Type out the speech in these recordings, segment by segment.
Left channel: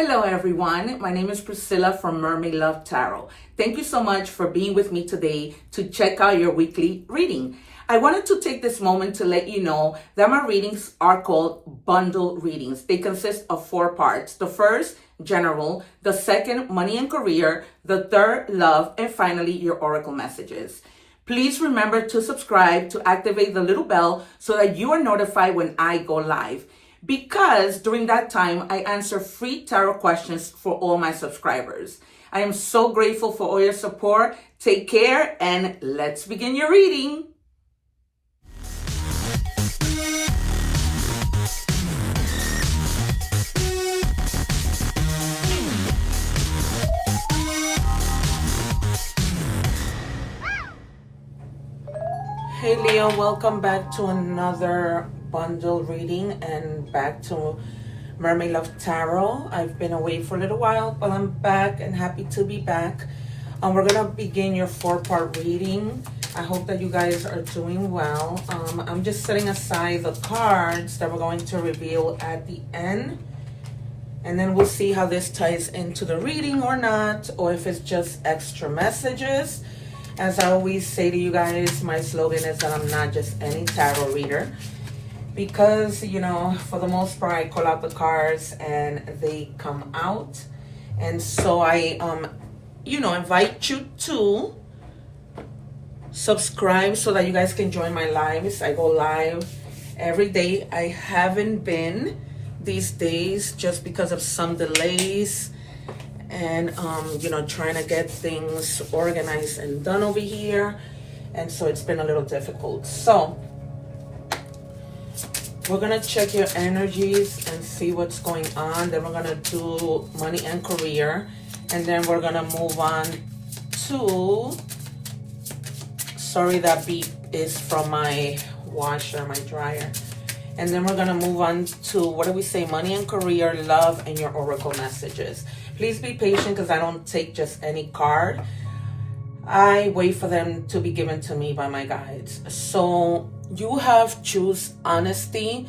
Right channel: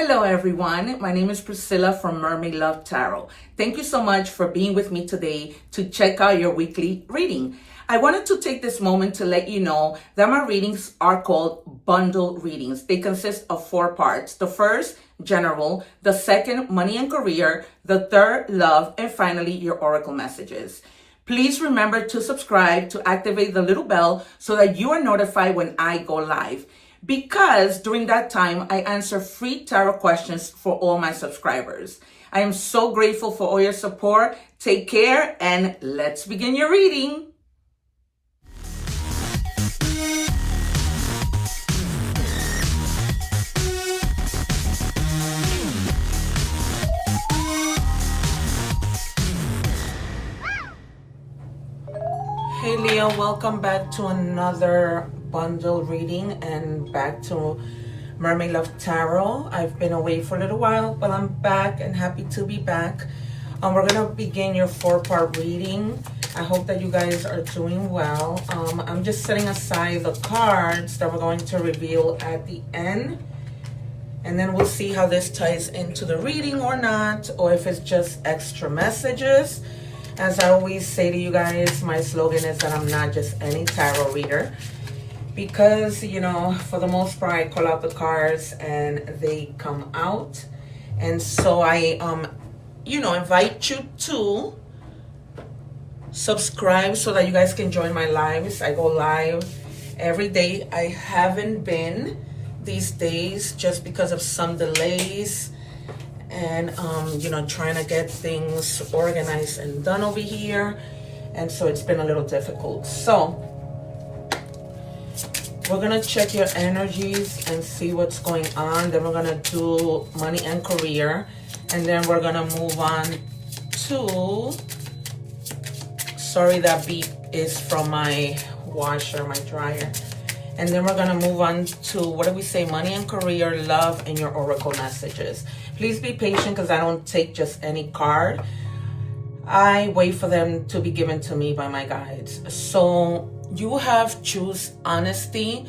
Hello everyone, my name is Priscilla from Mermaid Love Tarot. Thank you so much for being with me today to check out your weekly reading. I wanted to take this moment to let you know that my readings are called bundle readings. They consist of 4 parts. The first, general. The second, money and career. The third, love. And finally, your oracle messages. Please remember to subscribe, to activate the little bell so that you are notified when I go live. Because during that time, I answer free tarot questions for all my subscribers. I am so grateful for all your support. Take care and let's begin your reading. Hey Leo, welcome back to another bundle reading and back to Mermaid Love Tarot. I've been away for a little while, but I'm back and happy to be back. We're gonna begin your 4-part reading. I hope that you guys are doing well. I'm just setting aside the cards that we're going to reveal at the end, and then we'll see how this ties into the reading or not, or if it's just extra messages. As I always say to you guys, my slogan is that I'm not just any tarot reader, because, you know, for the most part, I call out the cards and they come out. And so I, invite you to subscribe so that you guys can join my lives. I go live every day. I haven't been these days just because of some delays and, trying to get things organized and done over here. And so it's been a little difficult. So we're going to check your energies and see what's going on. Then we're going to do money and career. And then we're going to move on to, sorry, that beep is from my washer, my dryer. And then we're going to move on to, what do we say, money and career, love, and your oracle messages. Please be patient because I don't take just any card. I wait for them to be given to me by my guides. So you have choose honesty.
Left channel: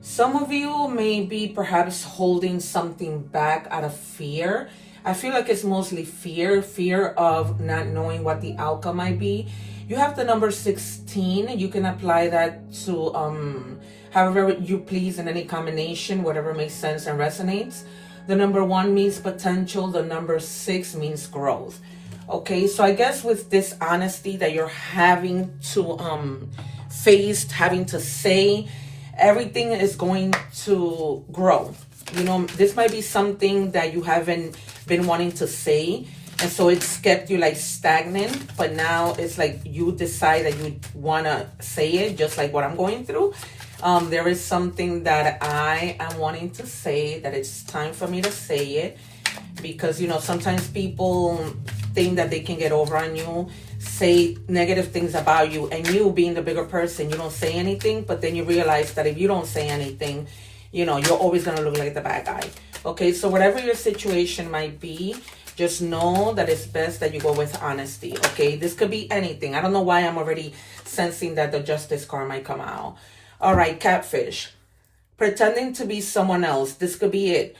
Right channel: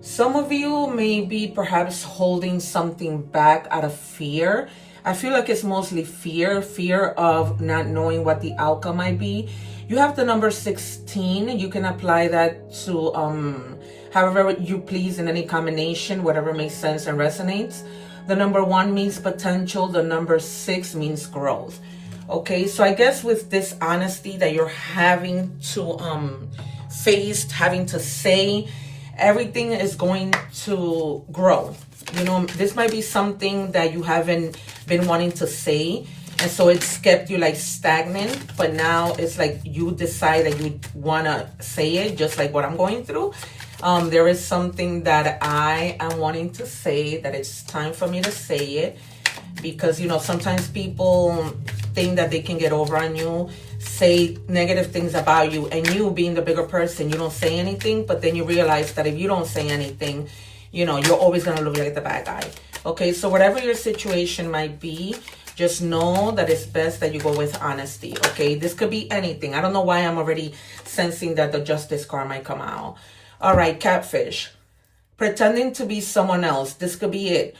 Some of you may be perhaps holding something back out of fear. I feel like it's mostly fear of not knowing what the outcome might be. You have the number 16. You can apply that to however you please in any combination, whatever makes sense and resonates. The number 1 means potential. The number 6 means growth. Okay, so I guess with this honesty that you're having to face, having to say, everything is going to grow. You know, this might be something that you haven't been wanting to say, and so it's kept you like stagnant, but now it's like you decide that you want to say it, just like what I'm going through. There is something that I am wanting to say, that it's time for me to say it, because, sometimes people think that they can get over on you, say negative things about you, and you being the bigger person, you don't say anything, but then you realize that if you don't say anything, you're always going to look like the bad guy. Okay, so whatever your situation might be, just know that it's best that you go with honesty. Okay, this could be anything. I don't know why I'm already sensing that the justice card might come out. All right, catfish. Pretending to be someone else. This could be it.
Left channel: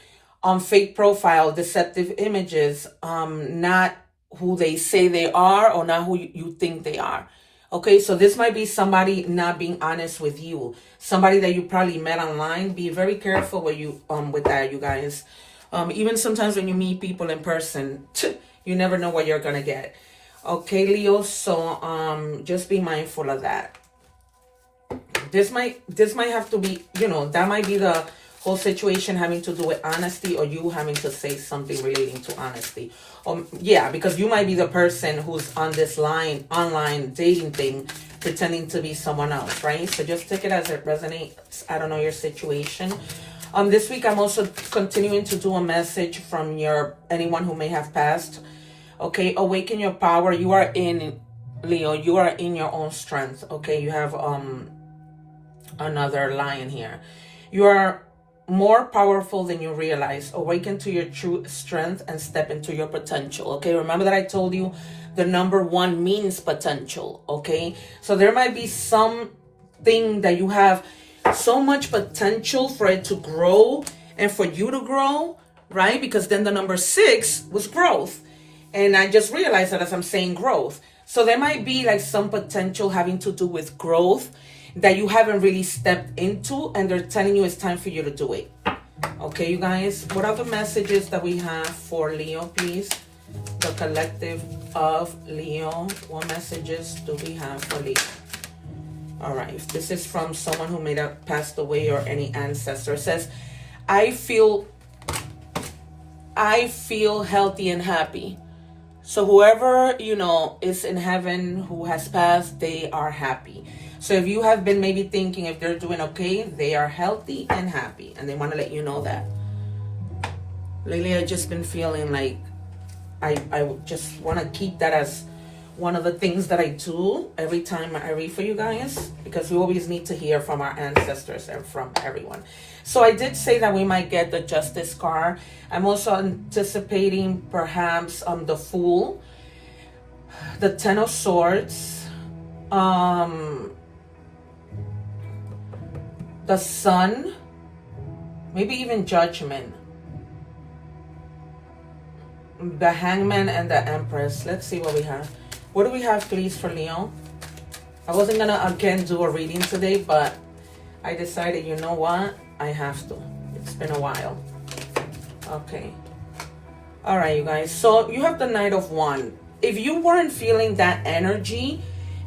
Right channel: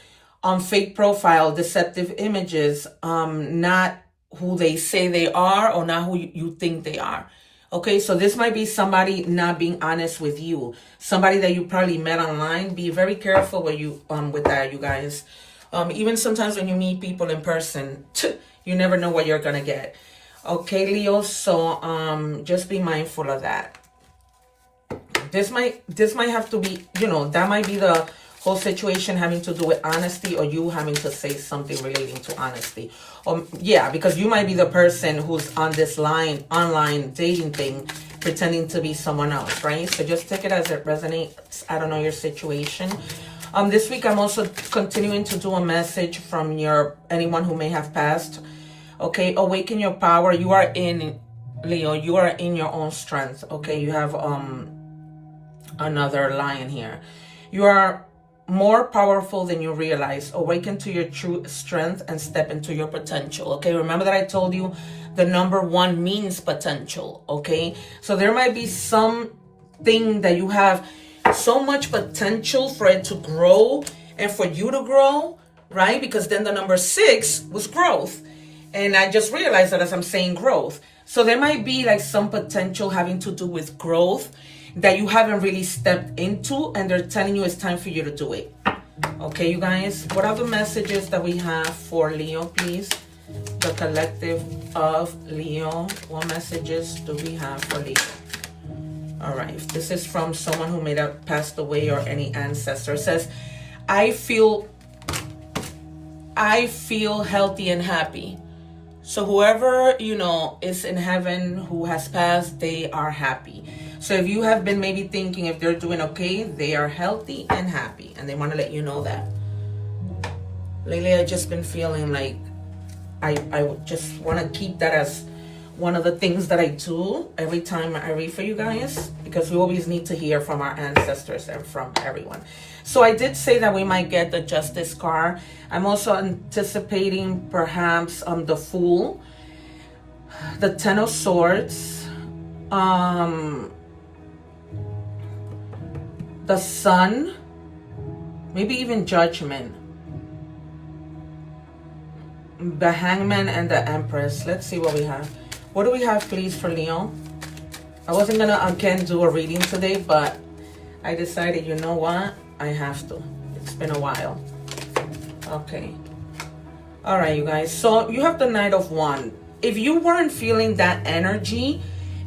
Fake profile, deceptive images, not who they say they are or not who you think they are. Okay, so this might be somebody not being honest with you. Somebody that you probably met online. Be very careful with that, you guys. Even sometimes when you meet people in person, you never know what you're gonna get. Okay, Leo, so just be mindful of that. This might have to be, that might be the whole situation having to do with honesty, or you having to say something relating to honesty. Because you might be the person who's on this online dating thing, pretending to be someone else, right? So just take it as it resonates. I don't know your situation. This week I'm also continuing to do a message from anyone who may have passed. Okay, awaken your power. You are in, Leo, you are in your own strength. Okay, you have another lion here. You are more powerful than you realize. Awaken to your true strength and step into your potential. Okay, remember that I told you the number 1 means potential. Okay, so there might be something that you have so much potential for it to grow and for you to grow, right? Because then the number 6 was growth. And I just realized that as I'm saying growth. So there might be like some potential having to do with growth that you haven't really stepped into, and they're telling you it's time for you to do it. Okay, you guys, what are the messages that we have for Leo, please? The collective of Leo. What messages do we have for Leo? All right, if this is from someone who may have passed away or any ancestor, it says, I feel healthy and happy. So whoever, you know, is in heaven who has passed, they are happy. So if you have been maybe thinking if they're doing okay, they are healthy and happy. And they want to let you know that. Lately, I've just been feeling like I just want to keep that as one of the things that I do every time I read for you guys, because we always need to hear from our ancestors and from everyone. So I did say that we might get the Justice card. I'm also anticipating perhaps the Fool, the Ten of Swords, the Sun, maybe even Judgment, the Hangman, and the Empress. Let's see what we have. What do we have, please, for Leo? I wasn't gonna again do a reading today, but I decided, you know what, I have to. It's been a while. Okay. All right, you guys. So you have the Knight of Wands. If you weren't feeling that energy,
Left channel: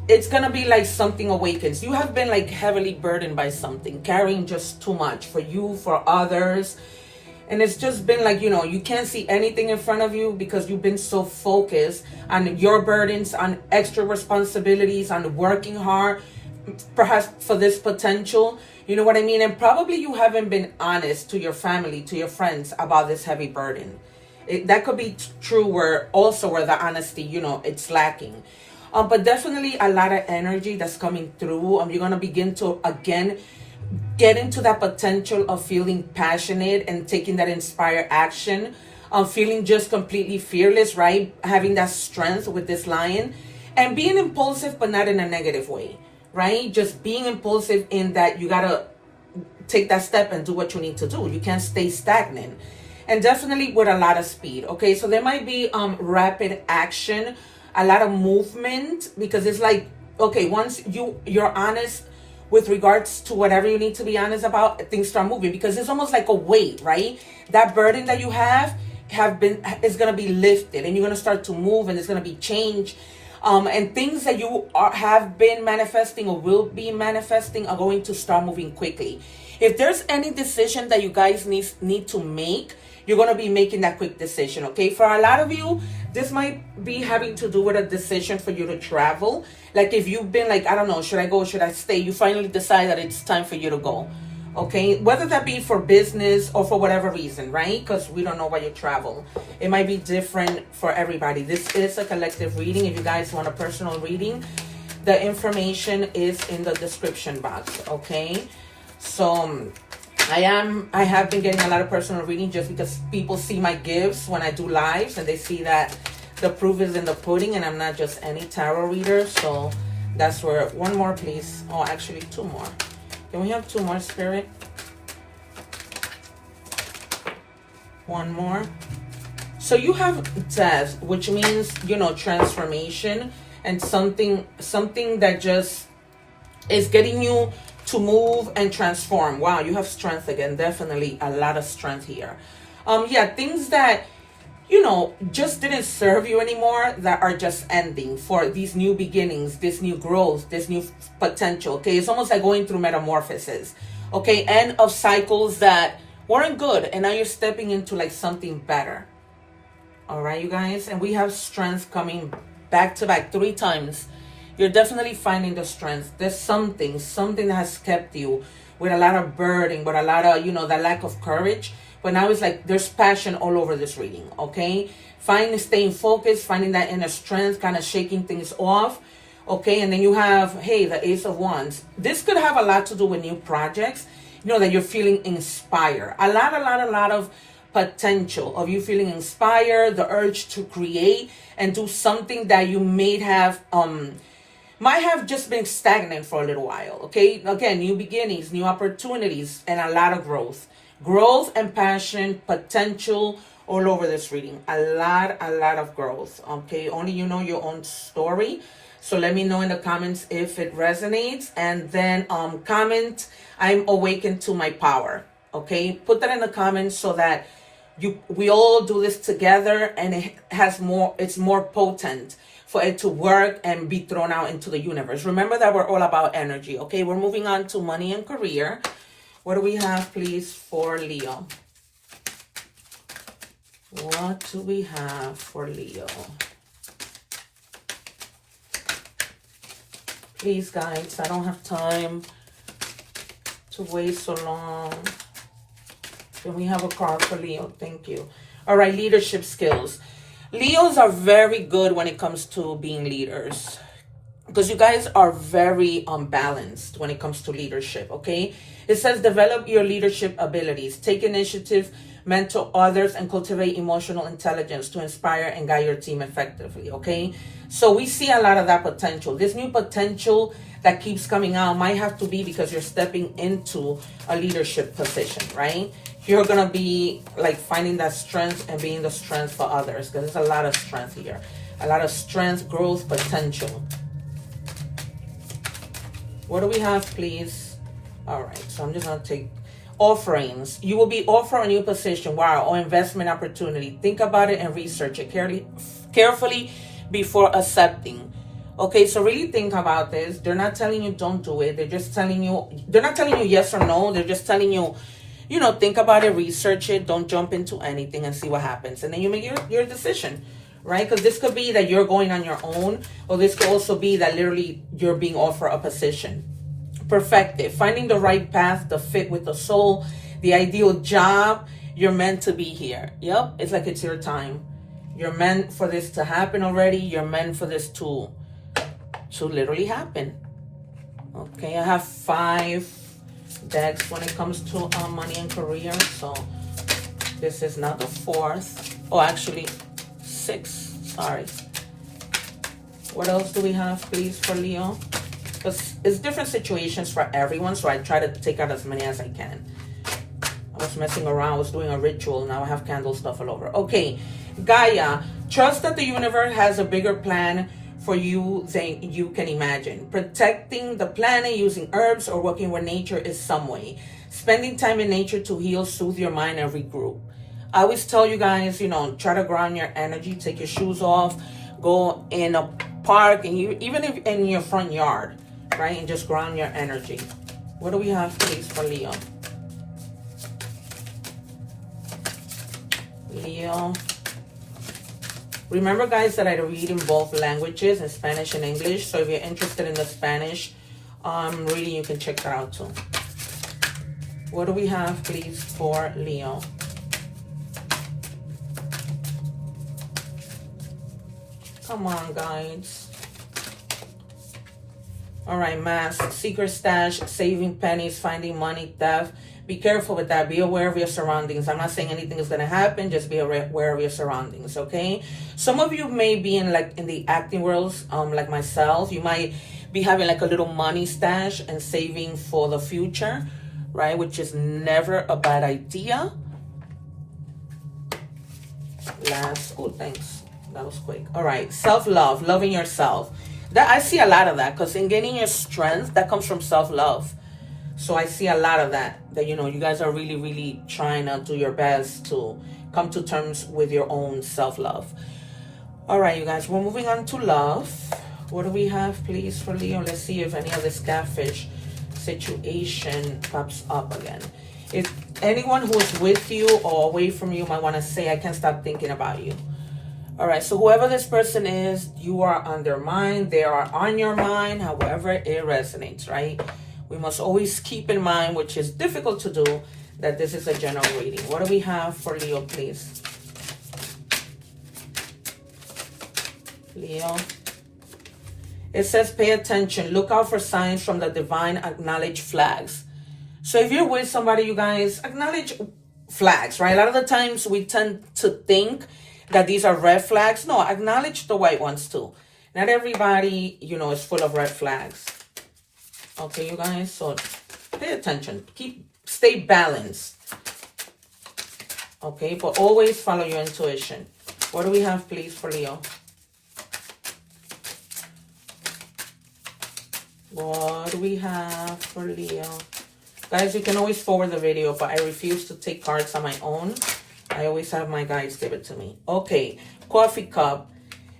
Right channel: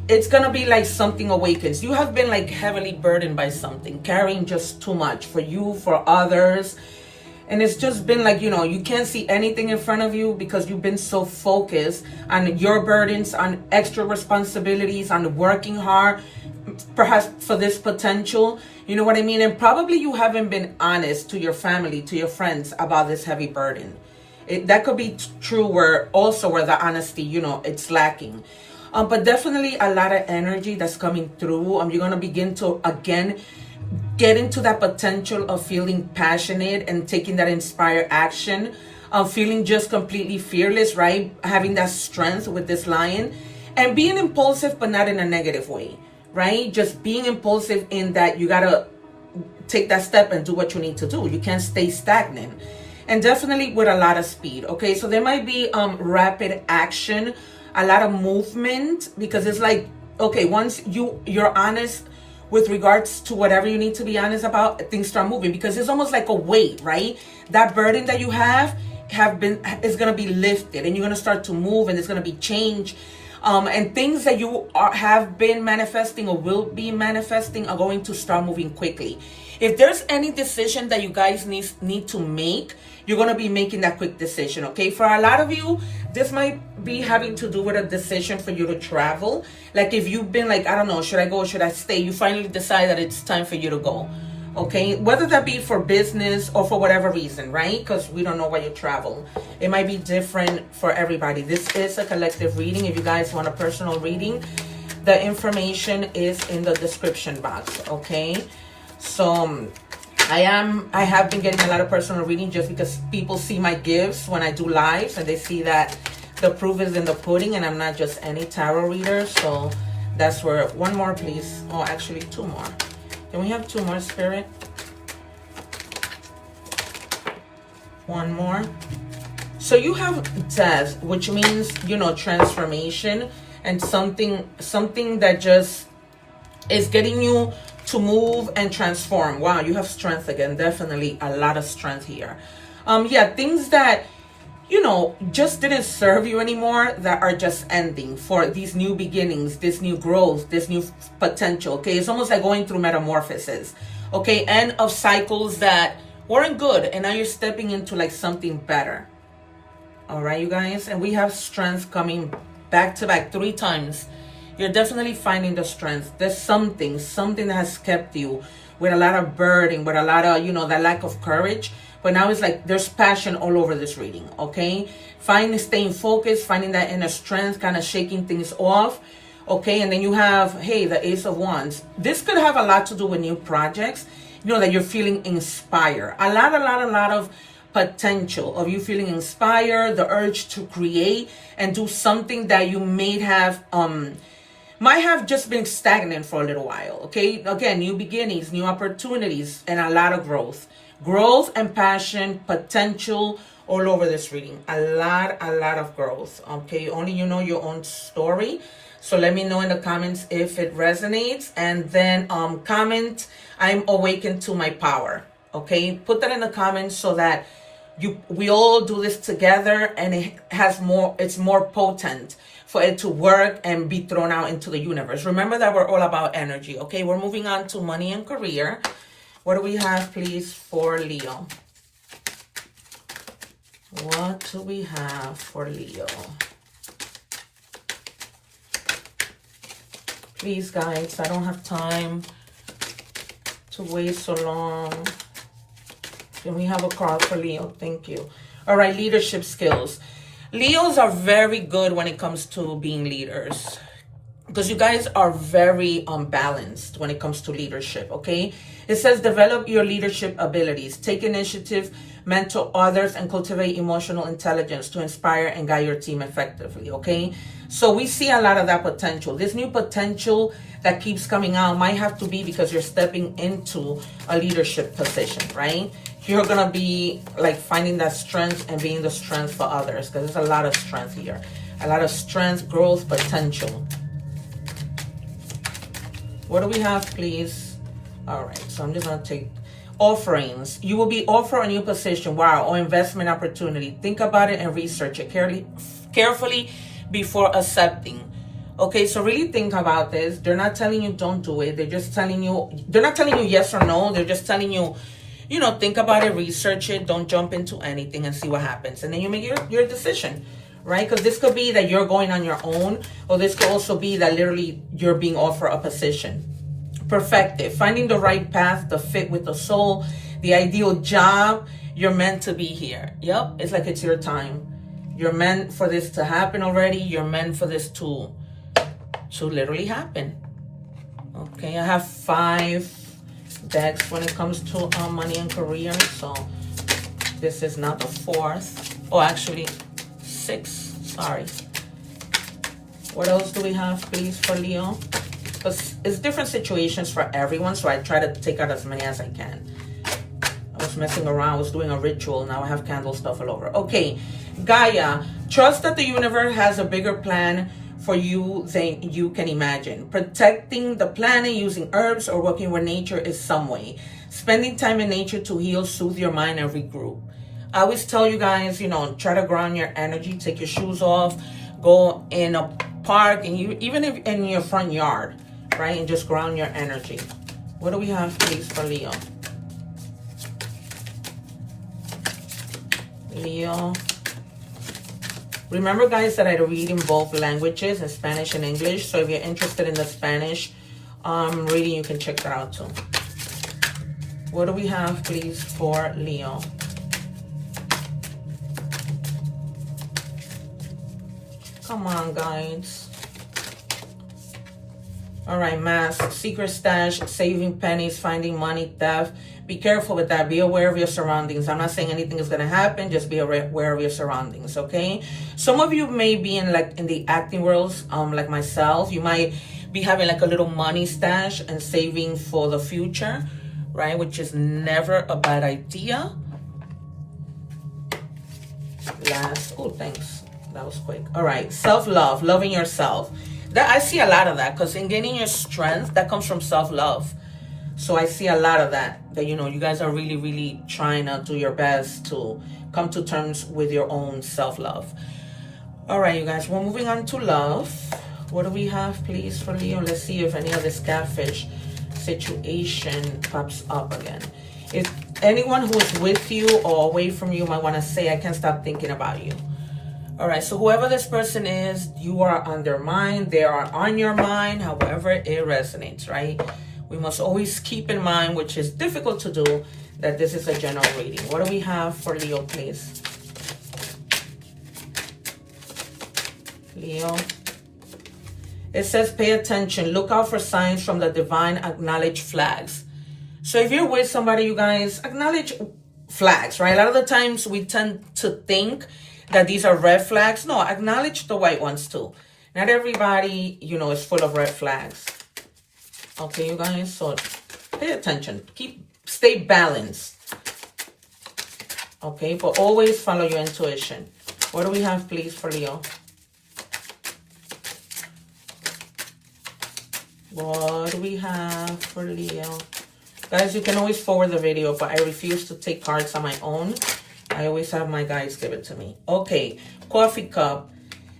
it's gonna be like something awakens. You have been like heavily burdened by something, carrying just too much for you, for others. And it's just been like, you know, you can't see anything in front of you because you've been so focused on your burdens, on extra responsibilities, on working hard, perhaps for this potential. You know what I mean? And probably you haven't been honest to your family, to your friends about this heavy burden. That could be true where the honesty, you know, it's lacking. But definitely a lot of energy that's coming through. You're going to begin to, again, get into that potential of feeling passionate and taking that inspired action, feeling just completely fearless, right? Having that strength with this Lion, and being impulsive, but not in a negative way, right? Just being impulsive in that you got to take that step and do what you need to do. You can't stay stagnant. And definitely with a lot of speed, okay? So there might be rapid action, a lot of movement, because it's like, okay, once you're honest with regards to whatever you need to be honest about, things start moving, because it's almost like a weight, right? That burden that you is going to be lifted, and you're going to start to move, and there's going to be change. And things that you have been manifesting or will be manifesting are going to start moving quickly. If there's any decision that you guys need to make, you're going to be making that quick decision, okay? For a lot of you, this might be having to do with a decision for you to travel. Like if you've been like, I don't know, should I go, should I stay? You finally decide that it's time for you to go, okay? Whether that be for business or for whatever reason, right? Because we don't know why you travel. It might be different for everybody. This is a collective reading. If you guys want a personal reading, the information is in the description box, okay? So I have been getting a lot of personal reading just because people see my gifts when I do lives, and they see that the proof is in the pudding, and I'm not just any tarot reader. So that's where, one more please. Oh, actually 2 more. Can we have 2 more, Spirit? 1 more. So you have death, which means, you know, transformation, and something that just is getting you to move and transform. Wow, you have strength again. Definitely a lot of strength here. Yeah, things that, you know, just didn't serve you anymore, that are just ending for these new beginnings, this new growth, this new potential, okay? It's almost like going through metamorphosis, okay? End of cycles that weren't good, and now you're stepping into like something better. All right, you guys? And we have strength coming back to back 3 times. You're definitely finding the strength. There's something that has kept you with a lot of burden, with a lot of, you know, that lack of courage. But now it's like there's passion all over this reading, okay? Staying focused, finding that inner strength, kind of shaking things off, okay? And then you have, hey, the Ace of Wands. This could have a lot to do with new projects, you know, that you're feeling inspired. A lot of potential of you feeling inspired, the urge to create and do something that you might have just been stagnant for a little while, okay? Again, new beginnings, new opportunities, and a lot of growth, Growth and passion, potential all over this reading. A lot of growth. Okay, only you know your own story. So let me know in the comments if it resonates. And then comment, I'm awakened to my power. Okay, put that in the comments so that we all do this together, and it's more potent for it to work and be thrown out into the universe. Remember that we're all about energy. Okay, we're moving on to money and career. What do we have, please, for Leo? What do we have for Leo? Please, guys, I don't have time to wait so long. Can we have a card for Leo? Thank you. All right, leadership skills. Leos are very good when it comes to being leaders, because you guys are very unbalanced when it comes to leadership, okay? It says develop your leadership abilities, take initiative, mentor others, and cultivate emotional intelligence to inspire and guide your team effectively, okay? So we see a lot of that potential. This new potential that keeps coming out might have to be because you're stepping into a leadership position, right? You're going to be like finding that strength and being the strength for others, because there's a lot of strength here. A lot of strength, growth, potential. What do we have, please? All right, so I'm just going to take offerings. You will be offered a new position, wow, or investment opportunity. Think about it and research it carefully before accepting. Okay, so really think about this. They're not telling you don't do it. They're just telling you, they're not telling you yes or no. They're just telling you, you know, think about it, research it. Don't jump into anything and see what happens. And then you make your decision, right? Because this could be that you're going on your own, or this could also be that literally you're being offered a position. Perfected. Finding the right path, the fit with the soul, the ideal job. You're meant to be here. Yep, it's like it's your time. You're meant for this to happen already. You're meant for this to literally happen. Okay, I have 5 decks when it comes to money and career. So this is not the 4th. Oh, actually 6. Sorry. What else do we have, please, for Leo? Because it's different situations for everyone, so I try to take out as many as I can. I was messing around, I was doing a ritual, now I have candle stuff all over. Okay, Gaia, trust that the universe has a bigger plan for you than you can imagine. Protecting the planet, using herbs, or working with nature is some way. Spending time in nature to heal, soothe your mind, and regroup. I always tell you guys, you know, try to ground your energy, take your shoes off, go in a park, and even if in your front yard, right, and just ground your energy. What do we have, please, for Leo? Leo. Remember, guys, that I read in both languages, in Spanish and English. So if you're interested in the Spanish reading, you can check that out too. What do we have, please, for Leo? Come on, guys. All right, mask, secret stash, saving pennies, finding money, theft. Be careful with that. Be aware of your surroundings. I'm not saying anything is going to happen. Just be aware of your surroundings, okay? Some of you may be in the acting world, like myself. You might be having like a little money stash and saving for the future, right? Which is never a bad idea. Oh, thanks. That was quick. All right, self-love, loving yourself. I see a lot of that, because in gaining your strength, that comes from self-love. So I see a lot of that, you know, you guys are really, really trying to do your best to come to terms with your own self-love. All right, you guys, we're moving on to love. What do we have, please, for Leo? Let's see if any of this catfish situation pops up again. If anyone who's with you or away from you might want to say, I can't stop thinking about you. All right, so whoever this person is, you are on their mind. They are on your mind, however it resonates, right? We must always keep in mind, which is difficult to do, that this is a general reading. What do we have for Leo, please? Leo. It says, pay attention. Look out for signs from the divine. Acknowledge flags. So if you're with somebody, you guys, acknowledge flags, right? A lot of the times we tend to think that these are red flags. No, acknowledge the white ones too. Not everybody, you know, is full of red flags. Okay, you guys, so pay attention. Stay balanced. Okay, but always follow your intuition. What do we have, please, for Leo? What do we have for Leo? Guys, you can always forward the video, but I refuse to take cards on my own. I always have my guides give it to me. Okay, coffee cup.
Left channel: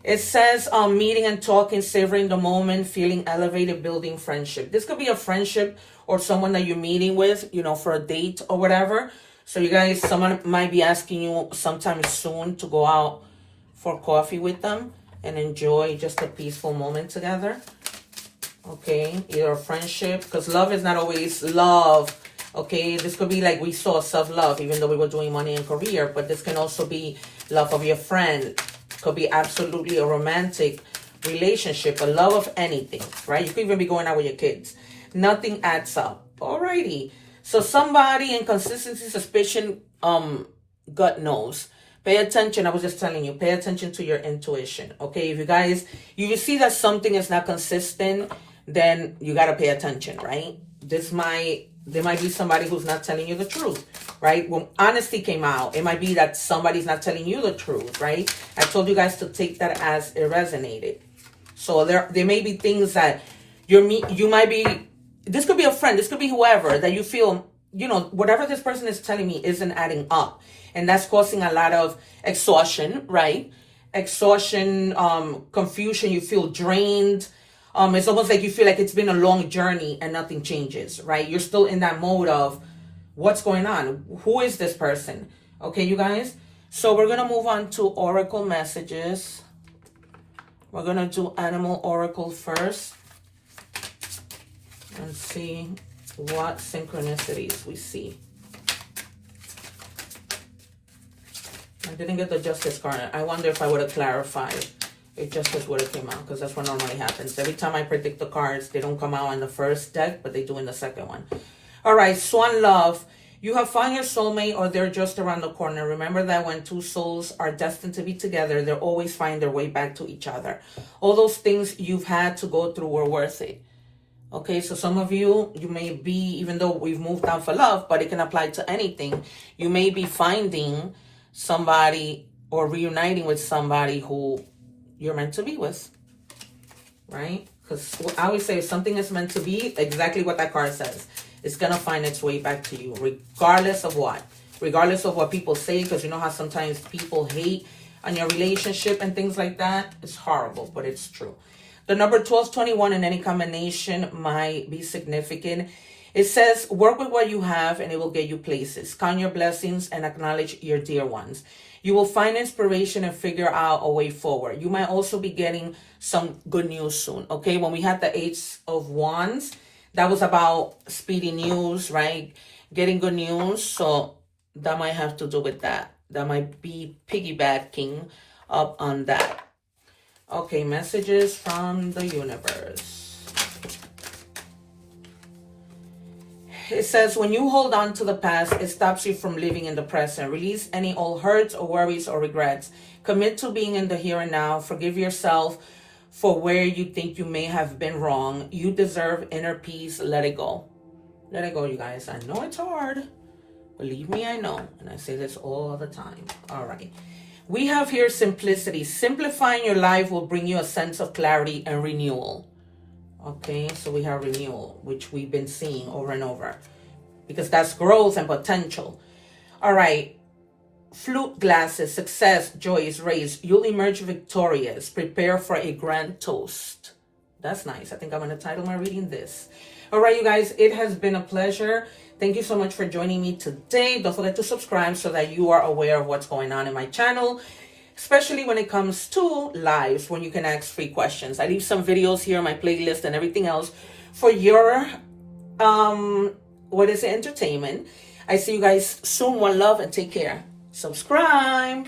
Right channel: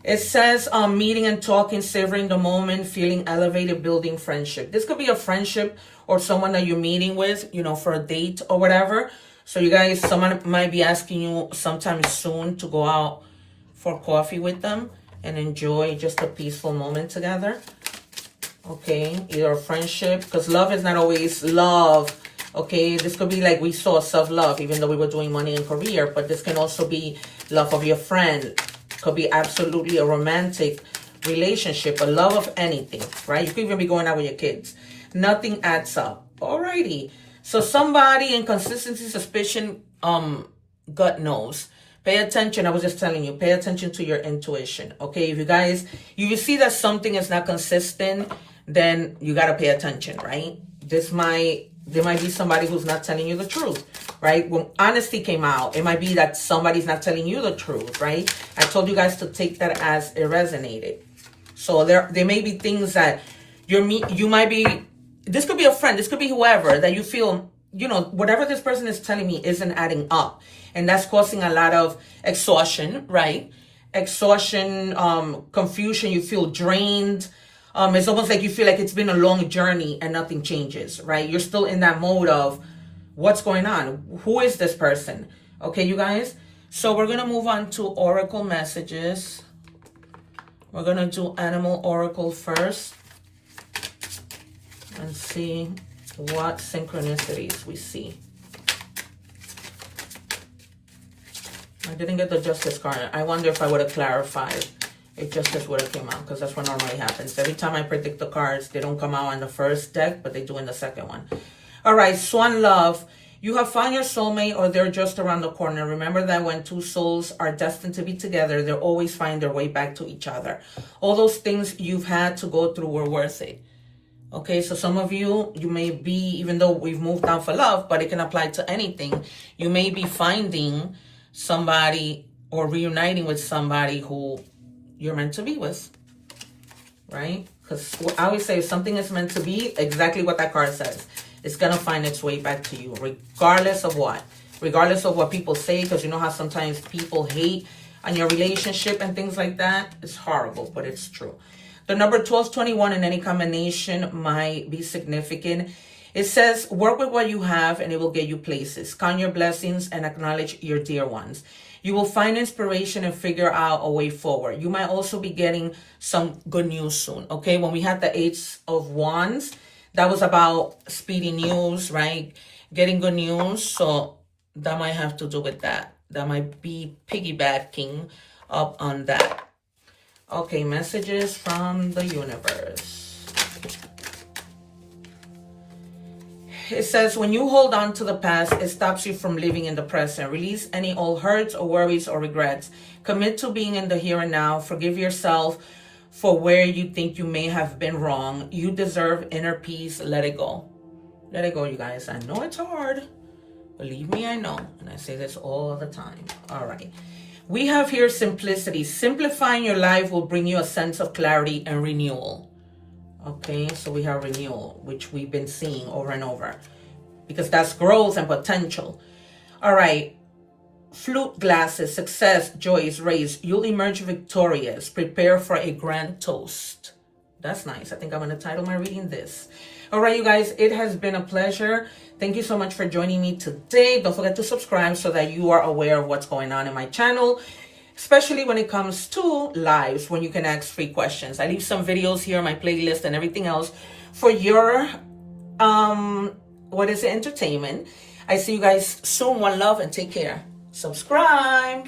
It says meeting and talking, savoring the moment, feeling elevated, building friendship. This could be a friendship or someone that you're meeting with, you know, for a date or whatever. So you guys, someone might be asking you sometime soon to go out for coffee with them and enjoy just a peaceful moment together. Okay, either a friendship, because love is not always love. Okay, this could be like we saw self-love, even though we were doing money and career, but this can also be love of your friend. Could be absolutely a romantic relationship, a love of anything, right? You could even be going out with your kids. Nothing adds up. Alrighty. So somebody in consistency, suspicion, gut knows. Pay attention. I was just telling you, pay attention to your intuition. Okay, if you guys, you see that something is not consistent, then you got to pay attention, right? There might be somebody who's not telling you the truth, right? When honesty came out, it might be that somebody's not telling you the truth, right? I told you guys to take that as it resonated. So there may be things that you might be, this could be a friend, this could be whoever, that you feel, you know, whatever this person is telling me isn't adding up. And that's causing a lot of exhaustion, right? Exhaustion, confusion, you feel drained. It's almost like you feel like it's been a long journey and nothing changes, right? You're still in that mode of what's going on? Who is this person? Okay, you guys? So we're going to move on to oracle messages. We're going to do animal oracle first and see what synchronicities we see. I didn't get the justice card. I wonder if I would have clarified if justice would have came out, because that's what normally happens. Every time I predict the cards, they don't come out on the first deck, but they do in the second one. All right, Swan Love. You have found your soulmate, or they're just around the corner. Remember that when two souls are destined to be together, they'll always find their way back to each other. All those things you've had to go through were worth it. Okay, so some of you may be, even though we've moved on for love, but it can apply to anything, you may be finding somebody or reuniting with somebody who you're meant to be with, right? Because I always say, if something is meant to be, exactly what that card says, it's going to find its way back to you, regardless of what. Regardless of what people say, because you know how sometimes people hate on your relationship and things like that. It's horrible, but it's true. The number 1221 in any combination might be significant. It says, work with what you have and it will get you places. Count your blessings and acknowledge your dear ones. You will find inspiration and figure out a way forward. You might also be getting some good news soon, okay? When we had the Ace of Wands, that was about speedy news, right? Getting good news, so that might have to do with that. That might be piggybacking up on that. Okay, messages from the universe. It says, when you hold on to the past, it stops you from living in the present. Release any old hurts or worries or regrets. Commit to being in the here and now. Forgive yourself for where you think you may have been wrong. You deserve inner peace. Let it go. Let it go, you guys. I know it's hard. Believe me, I know. And I say this all the time. All right. We have here simplicity. Simplifying your life will bring you a sense of clarity and renewal. Okay, so we have renewal, which we've been seeing over and over, because that's growth and potential. All right, flute glasses, success, joy is raised. You'll emerge victorious. Prepare for a grand toast. That's nice. I think I'm going to title my reading this. All right, you guys, it has been a pleasure. Thank you so much for joining me today. Don't forget to subscribe so that you are aware of what's going on in my channel, especially when it comes to lives, when you can ask free questions. I leave some videos here on my playlist and everything else for your, entertainment. I see you guys soon. One love and take care. Subscribe.